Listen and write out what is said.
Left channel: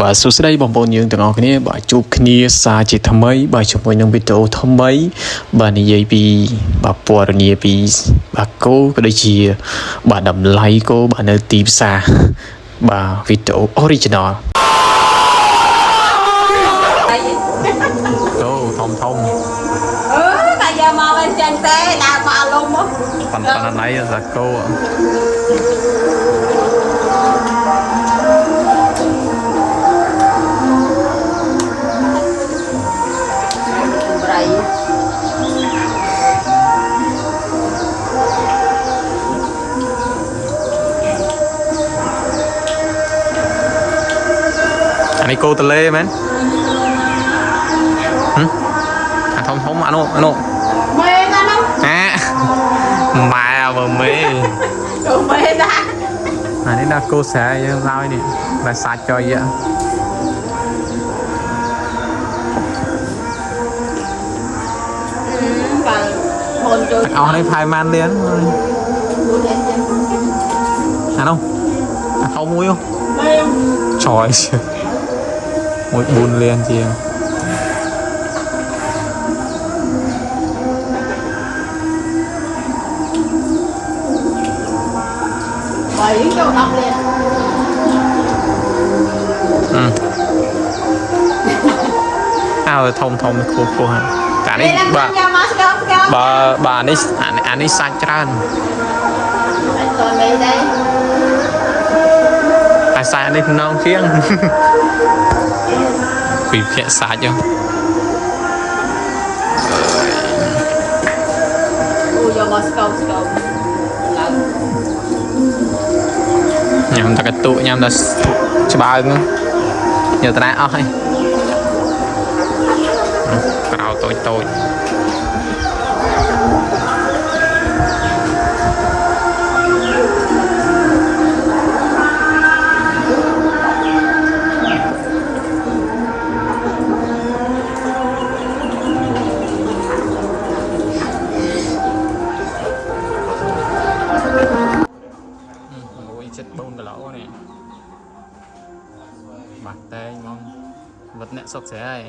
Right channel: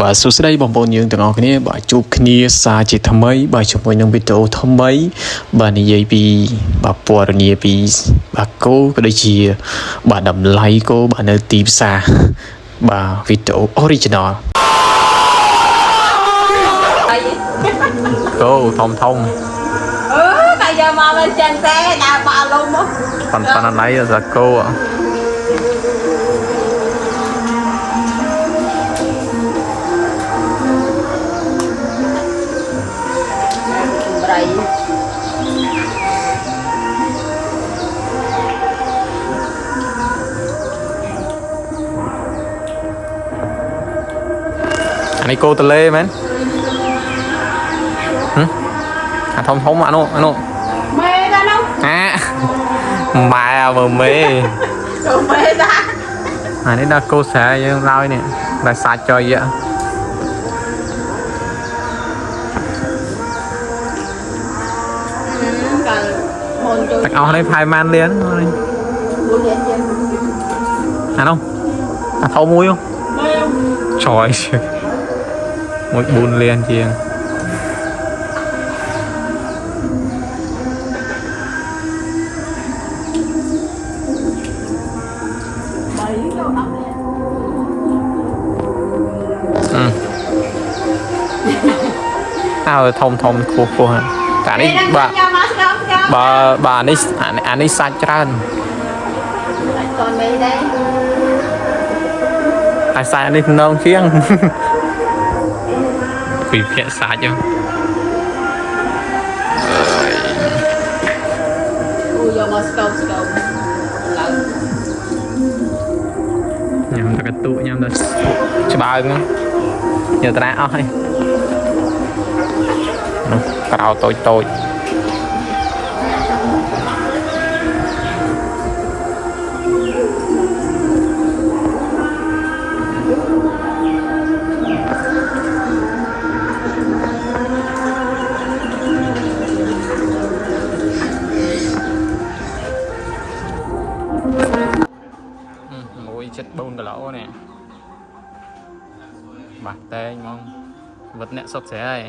បាទសួស្តីបងប្អូនយើងទាំងអស់គ្នាបាទជួបគ្នាសារជាថ្មីបាទជាមួយនឹងវីដេអូថ្មីបាទនិយាយពីបាទពណ៌នាពីបាទគោក៏ដូចជាបាទតម្លៃគោបាទនៅទីផ្សារបាទវីដេអូ original គោធំតែយកមកវិញចឹងទេដើរមកលុំមកប៉ុន្តែណៃសាគោអានេះគោតលេមែនអាធំអានោះម៉ែដល់នោះម៉ែមើលមេគោម៉ែដែរអានេះដល់គោស្រែយើងឡើយនេះដល់សាច់ចុយកាលមុនចូលទាំងអស់នេះផែម៉ានលៀន4លានជាងអានោះអាធំមួយម៉ែចយមួយ4លានជាងបើចូល10លានធំខ្ពស់តែនេះបាទនេះសាច់ច្រើនសាច់còn mấy đây តែសាច់នេះភ្នងជាងពីភាគសាច់ហ្នឹងអូយកមកស្កប់ឡើងញ៉ាំតែកតុញ៉ាំតែច្បាើងយកតាអស់ហើយក្រៅតូចចិត្ត4គីឡូនេះបាទតែងហ្មងវត្តអ្នកសុកស្រែហើយ